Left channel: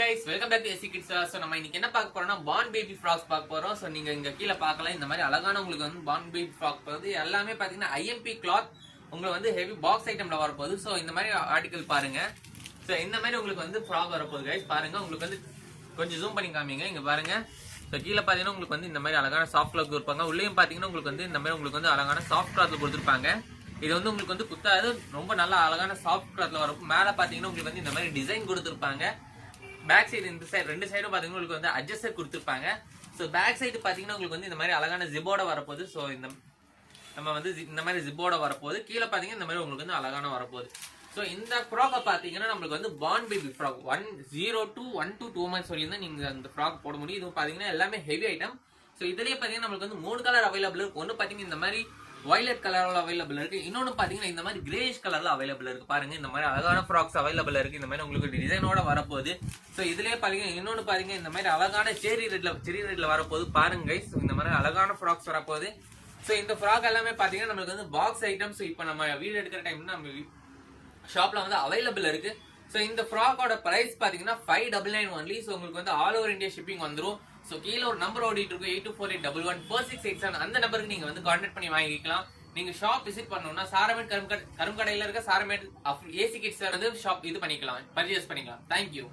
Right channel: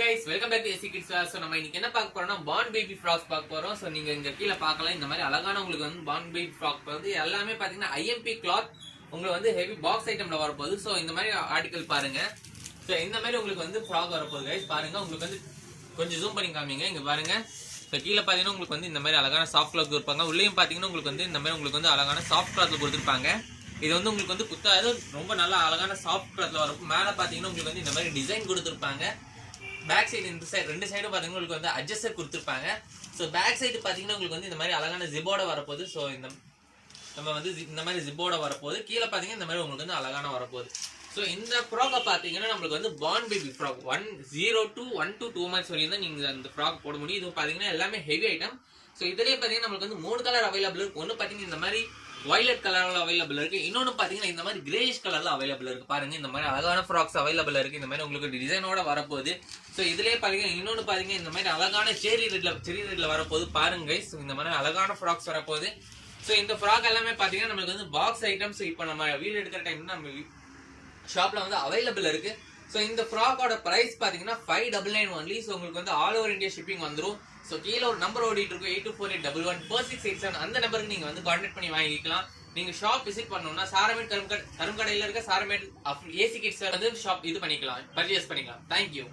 Guys welcome back to SC kids so நம்ம இன்னைக்கு என்ன பார்க்க போறோம்னா பான் பேபி ஃப்ராக்ஸ் பார்க்க போறோம். ஸோ நீங்க இங்க கீழே பார்க்கலாம். இந்த மாதிரி அழகான உங்களுக்கு வந்து பான் பேபி ஃப்ராக் வந்து எல்லாமே பாத்தீங்கன்னா ஐஎம்பி கிளாத் உங்களுக்கு வந்து ஹெவி பாக்ஸ் ஐட்டம்ல வரப்போகுது. ஸோ இந்த மாதிரி ஆர்டிகல் பாருங்க. ஸோ இந்த மாதிரி உங்களுக்கு வந்து ஃப்ராக் வரப்போகுது கைஸ் பாருங்க. உங்களுக்கு வந்து கொஞ்சம் ஜூம் பண்ணி காமிங்க. இங்க பாருங்க. ஸோ கீழே பார்த்தீங்கன்னா உங்களுக்கு வந்து இந்த மாதிரி அழகான சாஃப்ட் கிளாத் கொடுப்பாங்க. உள்ளேயும் பார்த்தீங்கன்னா உங்களுக்கு வந்து இந்த மாதிரி உங்களுக்கு வந்து அழகான சாஃப்ட் கிளாத் கொடுத்துருப்பாங்க. இது வந்து உங்களுக்கு வந்து குத்தாது. ரொம்ப நல்லா அழகான சாஃப்ட் கிளாத்ல வரும் மேலே பார்த்தீங்கன்னா உங்களுக்கு வந்து இந்த மாதிரி டிசைன் கொடுத்துருப்பாங்க. பேக் சைடு இந்த சைடு ரெண்டு சைடும் பார்த்தீங்கன்னா உங்களுக்கு வந்து அட்ஜஸ்டர் கொடுத்துருப்பாங்க. ஸோ பேக் சைடு பார்த்தீங்கன்னா உங்களுக்கு வந்து இந்த மாதிரி அழகான ஜிப்போட வரப்போகுது. ஸோ இந்த நம்ம வந்து இந்த மாதிரி ஜிப்போட வரப்போகுது. கீழே பார்த்தீங்கன்னா இந்த மாதிரி உங்களுக்கு வந்து அழகான வரப்போகுது. ஸோ இந்த ஃப்ராக்கை பார்த்தீங்கன்னா நம்மளுக்கு வந்து born baby frock one zero two one two two months வரையும் நீங்கள் இந்த ஃப்ராக் போட முடியும். இது பார்த்தீங்கன்னா எல்லாமே ஹெவி ஐட்டம் ஸோ இதுலேயே பார்த்தீங்கன்னா நம்மளுக்கு வந்து மூணு கலர் அவைலபிள் இருக்கு. ஒன்று பார்த்தீங்கன்னா இந்த மாதிரி வயலட் கலரில் அவைலபிள் இருக்கு. இன்னொன்று பார்த்தீங்கன்னா இந்த மாதிரி கிரேஷ் கலரில் அவைலபிள் இருக்கு. பாருங்க இந்த மாதிரி அழகான ஃப்ராக்ஸ் அவைலபிள் இருக்கு. இந்த மாதிரி உங்களுக்கு டிசைனோட வரப்போகுது. ஸோ இதுலேயே பார்த்தீங்கன்னா இன்னொன்று பாத்தீங்கன்னா இந்த மாதிரி அழகான செரி ரெட்ல செரி ரெட்ல வரப்போகுது. பாருங்க ஸோ இந்த மாதிரி அழகான ஃப்ராக்ஸ் வரப்போகுது. ஸோ இந்த ஃப்ராக் எல்லாமே பார்த்தீங்கன்னா நம்மளுக்கு வந்து பாக்ஸ் ஐட்டம்ஸ் இப்போ நம்ம வீடு எடுக்கிற டைம் நம்ம ஷாப்பில் வந்து அவைலபிள் இருக்குது ஸோ இந்த ஃப்ராக்கோட ப்ரைஸ் பார்த்தீங்கன்னா five double nine only so உங்களுக்கு வந்து ஆல் ஓவர் இந்தியா ஷிப்பிங் வந்துரும். ஸோ கீழே ஒரு நம்பர் ஓடிட்டு இருக்கும் eight two four eight double one four six eight seven அந்த நம்பருக்கு நீங்கள் வந்து கான்டாக்ட் பண்ணி வாங்கிக்கலாம். நீங்க ஷாப் விசிட் பண்ணணும்னா சாரமேட் கரும்கடை கரும்கடையில் இருக்க சாரமேட் ஏசி கிட்ஸ் வந்து ஷாப் இது பண்ணிக்கலாம். பர்ச்சேஸ் பண்ணிக்கலாம். தேங்க்யூ